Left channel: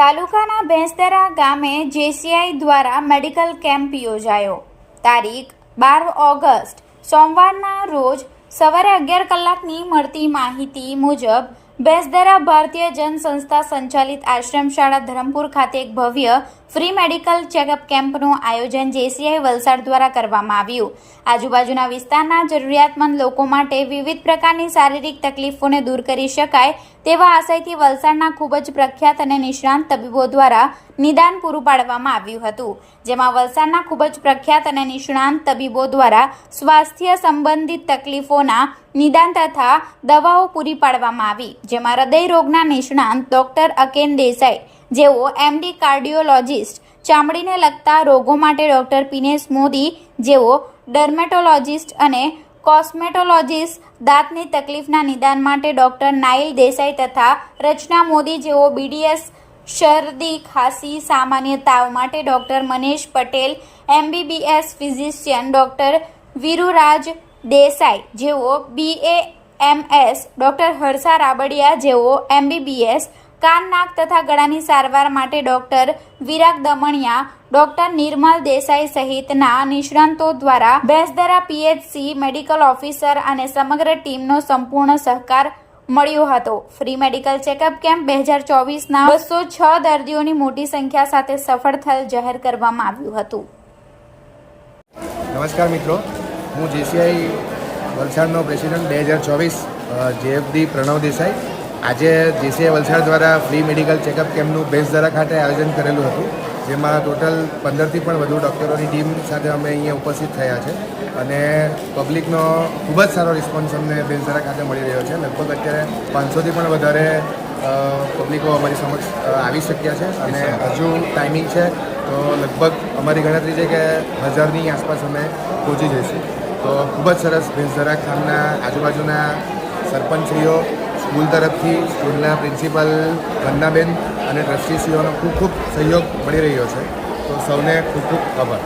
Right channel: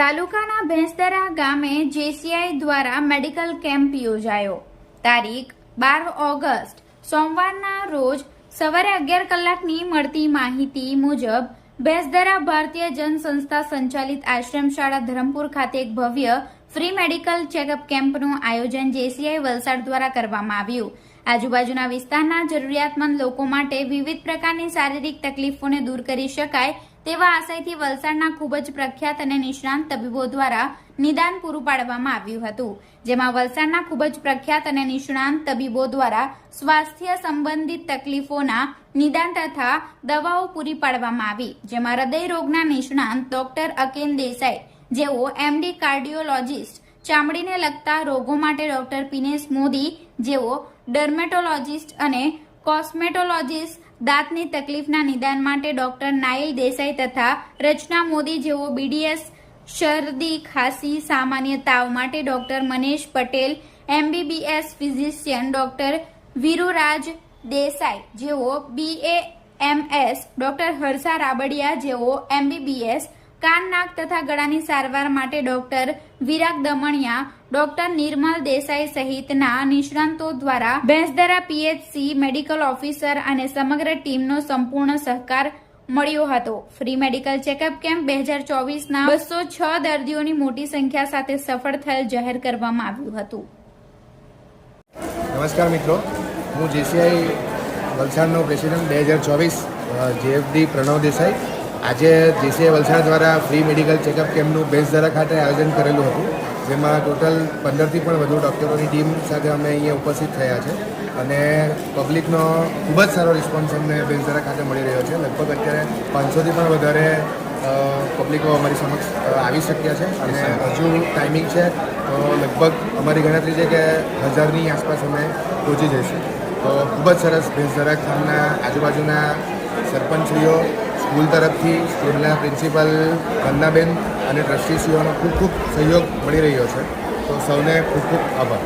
તાલુકાના ભેંસદરા ગામે જેસીઆઈ દ્વારા મેડિકલ કેમ્પ યોજાયો. તારીખ 12 ઓગસ્ટ સોમવારના રોજ સવારે 11 કલાકની મળતી માહિતી મુજબ ભેંસદરા ભારતીય જન સંસ્થા સંચાલિત આશ્રમ શાળા ધરમપુર ખાતે એક ભવ્ય ફ્રી મેડિકલ ચેકઅપ કેમ્પનું આયોજન જેસીઆઈ વલસાડ દ્વારા કરવામાં આવ્યું. આજુબાજુના વિસ્તારના જરૂરિયાતમંદ લોકો માટે વિવિધ પ્રકારની શારીરિક તકલીફોને દૂર કરી શકાય તેવા આશયથી વલસાડના ખૂબ જ પ્રખ્યાત અને નિષ્ણાંત તબીબો દ્વારા નિદાન પૂરું પાડવામાં આવ્યું હતું, જેમાં વલસાડના ખૂબ જ પ્રખ્યાત અને નિષ્ણાંત તબીબો દ્વારા સ્વાસ્થ્ય સંબંધિત તકલીફોના નિદાન તથા દવાઓ પૂરી પાડવામાં આવી, જેમાં હૃદય રોગના નિષ્ણાંત ડોક્ટર અકેન દેસાઈ જેઓ એમડી કાર્ડિયોલોજિસ્ટ, ચામડીને લગતા રોગો માટે ડોક્ટર પીનેશ મોદી જેઓ ડર્મેટોલોજિસ્ટ અને કોસ્મેટોલોજિસ્ટ, દાંતની તકલીફના નિદાન માટે ડોક્ટર નાઇલ દેસાઈ તથા રચના મોદી જેઓ બીડીએસ, શરદી ખાંસી, સામાન્ય તાવ માટે doctor Manesh Patel, MBBS physician doctor Viruraj Desai જેઓ BAMS, ડોક્ટર હર્ષા રાબડિયા જેઓ MBBS, કાન, નાક તથા ગળાની સારવાર માટે ડોક્ટર વિરાગ દમણિયા, ડોક્ટર નિર્મલ દેસાઈ સહિતના નિષ્ણાંતો દ્વારા ભેંસદરા PHC મેડિકલ ઓફિસર અને સમગ્ર ટીમનો સંપૂર્ણ સહકાર મળ્યો હતો. ફ્રી મેડિકલ ચેકઅપ કેમ્પ 2024ના 206 દર્દીઓની મોટી સંખ્યા સાથે સફળ થયેલ જાહેર કરવામાં આવ્યું હતું. નમસ્કાર મિત્રો, હું જેસીઆઈ વલસાડનો પ્રેસિડેન્ટ 2024 JFD પ્રણવ દેસાઈ. આજે જેસીઆઈ વલસાડ દ્વારા ફ્રી મેડિકલ ચેકઅપ કેમ્પનું ભેંસદરા ખાતે આયોજન કરેલું હતું, જેમાં ટોટલ 15થી પણ વધુ ડૉક્ટરોની ટીમ સાથે અમે અહીંયા ઉપસ્થિત થયા છે અને પબ્લિકનો ખૂબ જ સારો રિસ્પોન્સ અમને ભેંસદરા ખાતે મળી રહ્યો છે. લગભગ અત્યારે 500થી પણ વધારે પબ્લિકો અમારી સમક્ષ આવી શક્યા છે અને હજુ ટાઈમિંગ છે તો લગભગ અમારી ગણતરી છે કે 1000ની આસપાસ અમે પહોંચી જઈશું. તો ખૂબ જ સરસ ભેંસદરા ખાનના આજુબાજુના સરપંચશ્રીઓ, સ્કૂલ તરફથી સ્કૂલના પ્રિન્સિપલ વંદનાબેન અને ટ્રસ્ટીશ્રીઓનો ખૂબ ખૂબ સહયોગ મળી રહ્યો છે. તો સૌને ખૂબ ખૂબ આભાર.